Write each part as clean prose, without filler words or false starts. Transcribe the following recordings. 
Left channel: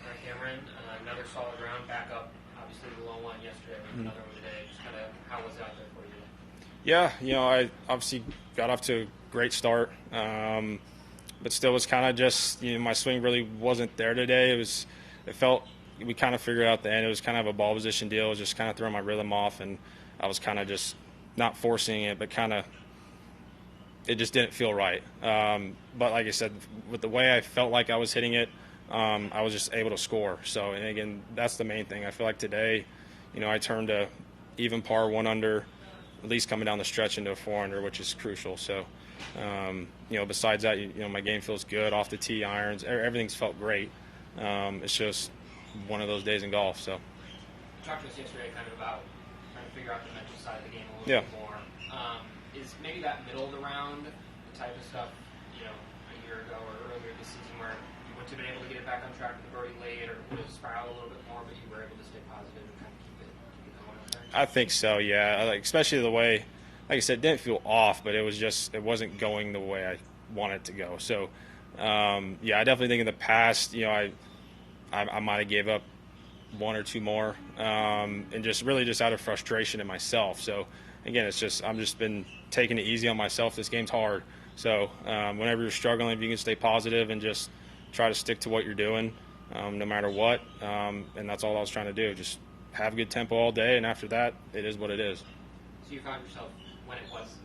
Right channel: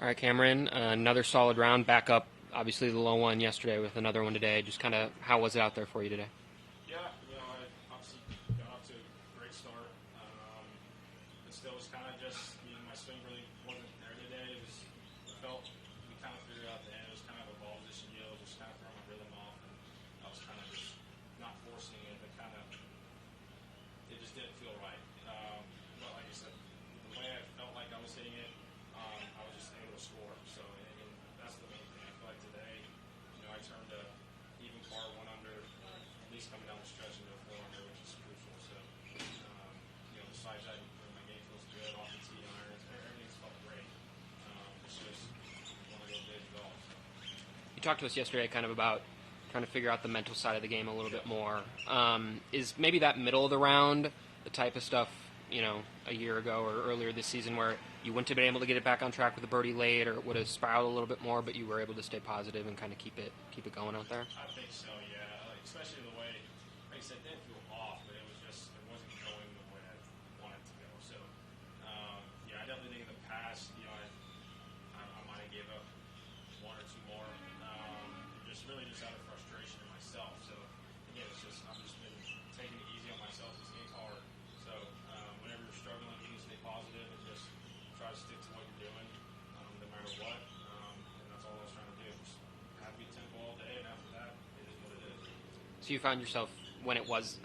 All right, Cameron, another solid round. Back up, obviously, the low one yesterday with another one today. Just kind of, how was it out there for you today? Yeah, I obviously got off to a great start, but still was kind of just, my swing really wasn't there today. It felt, we kind of figured out the end. It was kind of a ball position deal. It was just kind of throwing my rhythm off, and I was kind of just not forcing it, but kind of, it just didn't feel right. But like I said, with the way I felt like I was hitting it, I was just able to score. So, and again, that's the main thing. I feel like today, I turned a even par 1 under, at least coming down the stretch into a 4 under, which is crucial. So, besides that, my game feels good off the tee, irons, everything's felt great. It's just one of those days in golf. So, You talked to us yesterday kind of about trying to figure out the mental side of the game a little Yeah. bit more. Is maybe that middle of the round the type of stuff, a year ago or earlier this season where you wouldn't have been able to get it back on track with a birdie late, or it would have spiraled a little bit more, but you were able to stay positive and kind of keep it going out there? I think so, yeah. Like, especially the way, like I said, it didn't feel off, but it wasn't going the way I wanted it to go. So, yeah, I definitely think in the past, I might have gave up one or two more, and just really just out of frustration in myself. So, again, I'm just been taking it easy on myself. This game's hard. So, whenever you're struggling, if you can stay positive and just try to stick to what you're doing, no matter what, and that's all I was trying to do. Just have good tempo all day, and after that, it is what it is. So you found yourself when it was,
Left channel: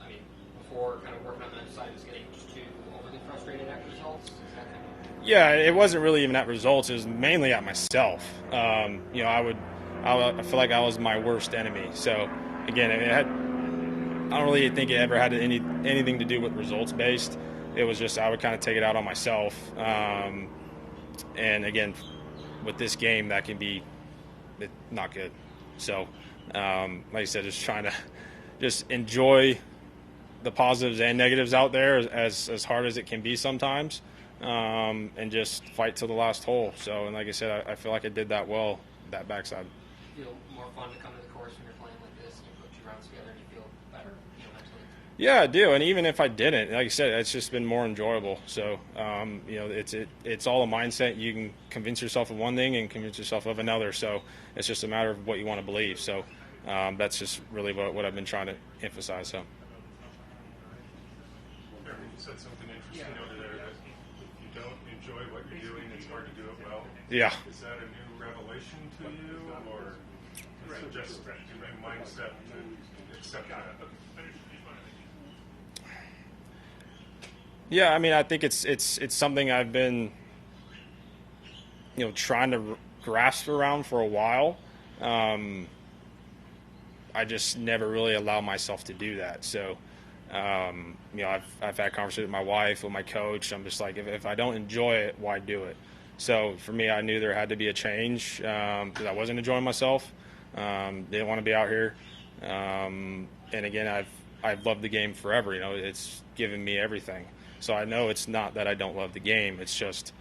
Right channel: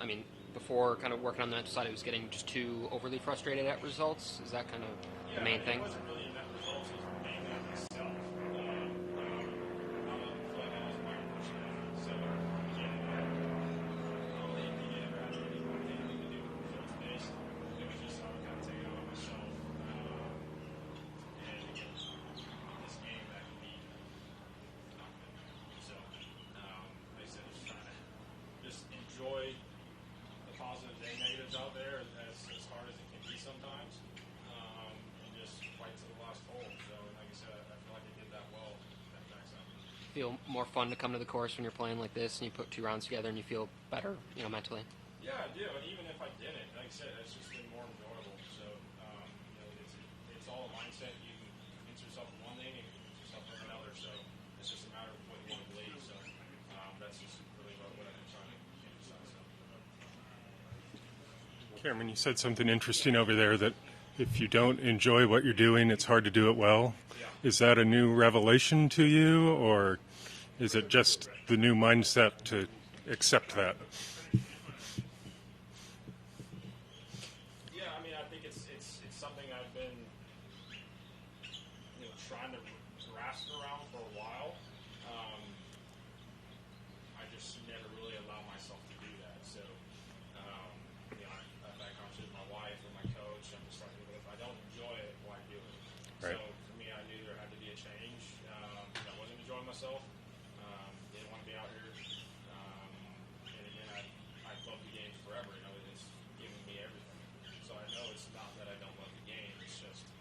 before kind of working on that side, it was getting just too overly frustrated at results? Is that kind of... Yeah, it wasn't really even at results. It was mainly at myself. I feel like I was my worst enemy. So, again, I don't really think it ever had anything to do with results based. It was just I would kind of take it out on myself. And again, with this game, that can be not good. So, like I said, just trying to just enjoy the positives and negatives out there as hard as it can be sometimes, and just fight till the last hole. So, and like I said, I feel like I did that well, that backside. Feel more fun to come to the course when you're playing like this and you put two rounds together and you feel better, mentally? Yeah, I do. And even if I didn't, like I said, it's just been more enjoyable. So, it's all a mindset. You can convince yourself of one thing and convince yourself of another. So it's just a matter of what you want to believe. So, that's just really what I've been trying to emphasize. So. Cameron, you said something interesting over there, that if you don't enjoy what you're doing, it's hard to do it well. Yeah. Is that a new revelation to you, or is it just the new mindset to accept that? Yeah, I think it's something I've been, trying to grasp around for a while. I just never really allow myself to do that. So, I've had conversations with my wife, with my coach. I'm just like, if I don't enjoy it, why do it? Right. So for me, I knew there had to be a change, because I wasn't enjoying myself. Didn't want to be out here. And again, I've loved the game forever. It's given me everything. So I know it's not that I don't love the game. It's just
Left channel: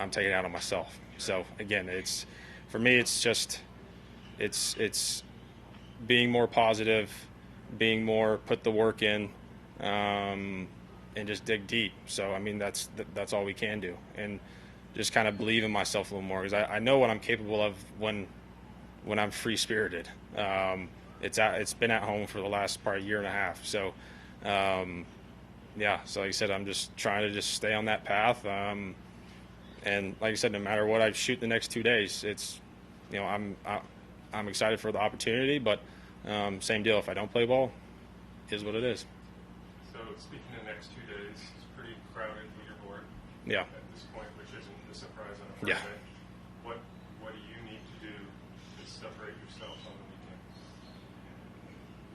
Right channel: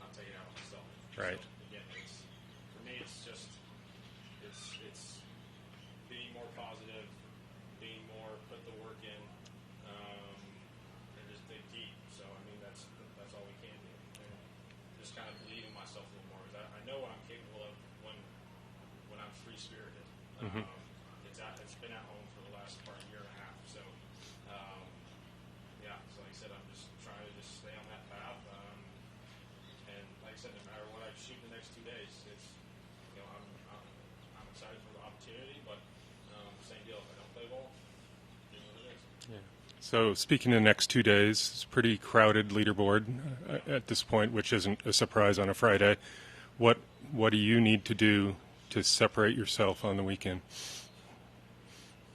I'm taking it out on myself. Right. So again, for me, it's just it's being more positive, being more put the work in, and just dig deep. So that's all we can do, and just kind of believe in myself a little more, because I know what I'm capable of when I'm free spirited. Mm-hmm. It's been at home for the last probably year and a half. So. Yeah, so like I said, I'm just trying to just stay on that path, and like I said, no matter what I shoot the next 2 days, it's, I'm excited for the opportunity, but same deal. If I don't play ball, it is what it is. Yeah. So speaking of the next 2 days, it's a pretty crowded leaderboard at this point, which isn't a surprise on a Friday. Yeah. What do you need to do to separate yourself on the weekend?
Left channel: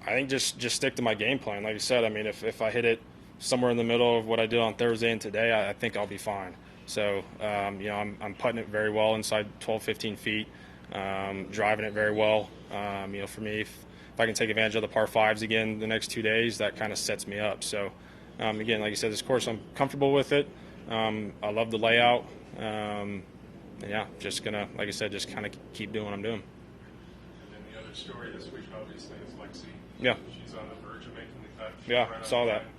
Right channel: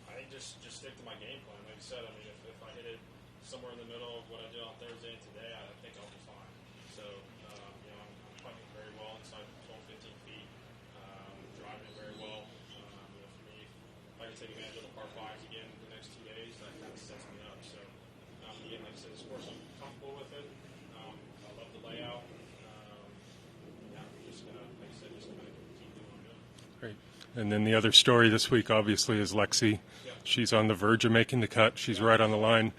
I think just stick to my game plan. Like I said, if I hit it somewhere in the middle of what I did on Thursday and today, I think I'll be fine. So, I'm putting it very well inside 12, 15 feet, driving it very well. For me, if I can take advantage of the par fives again the next 2 days, that kind of sets me up. So, again, like I said, this course, I'm comfortable with it. I love the layout. And yeah, just gonna, like I said, just kind of keep doing what I'm doing. Great. And then the other story this week, obviously, is Lexi. Yeah. She's on the verge of making the cut. She's right on the line.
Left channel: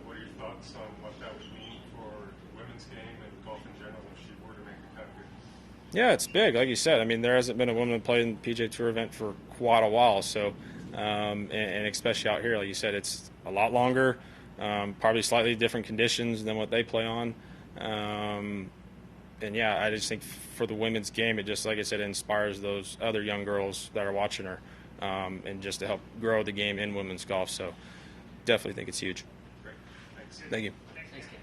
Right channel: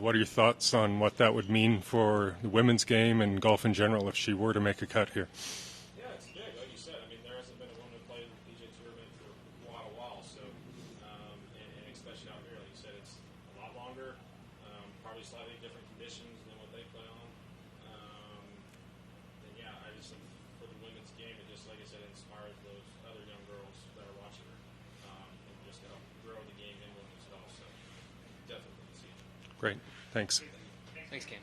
What are your thoughts on what that would mean for the women's game and golf in general if she were to make a cut here? Yeah, it's big. Like you said, I mean, there hasn't been a woman play in the PGA Tour event for quite a while. So, and especially out here, like you said, it's a lot longer, probably slightly different conditions than what they play on. And yeah, I just think for the women's game, it just, like I said, inspires those other young girls that are watching her, and just to help grow the game in women's golf. So, definitely think it's huge. Great. Thanks. Thank you. Thanks, Ken.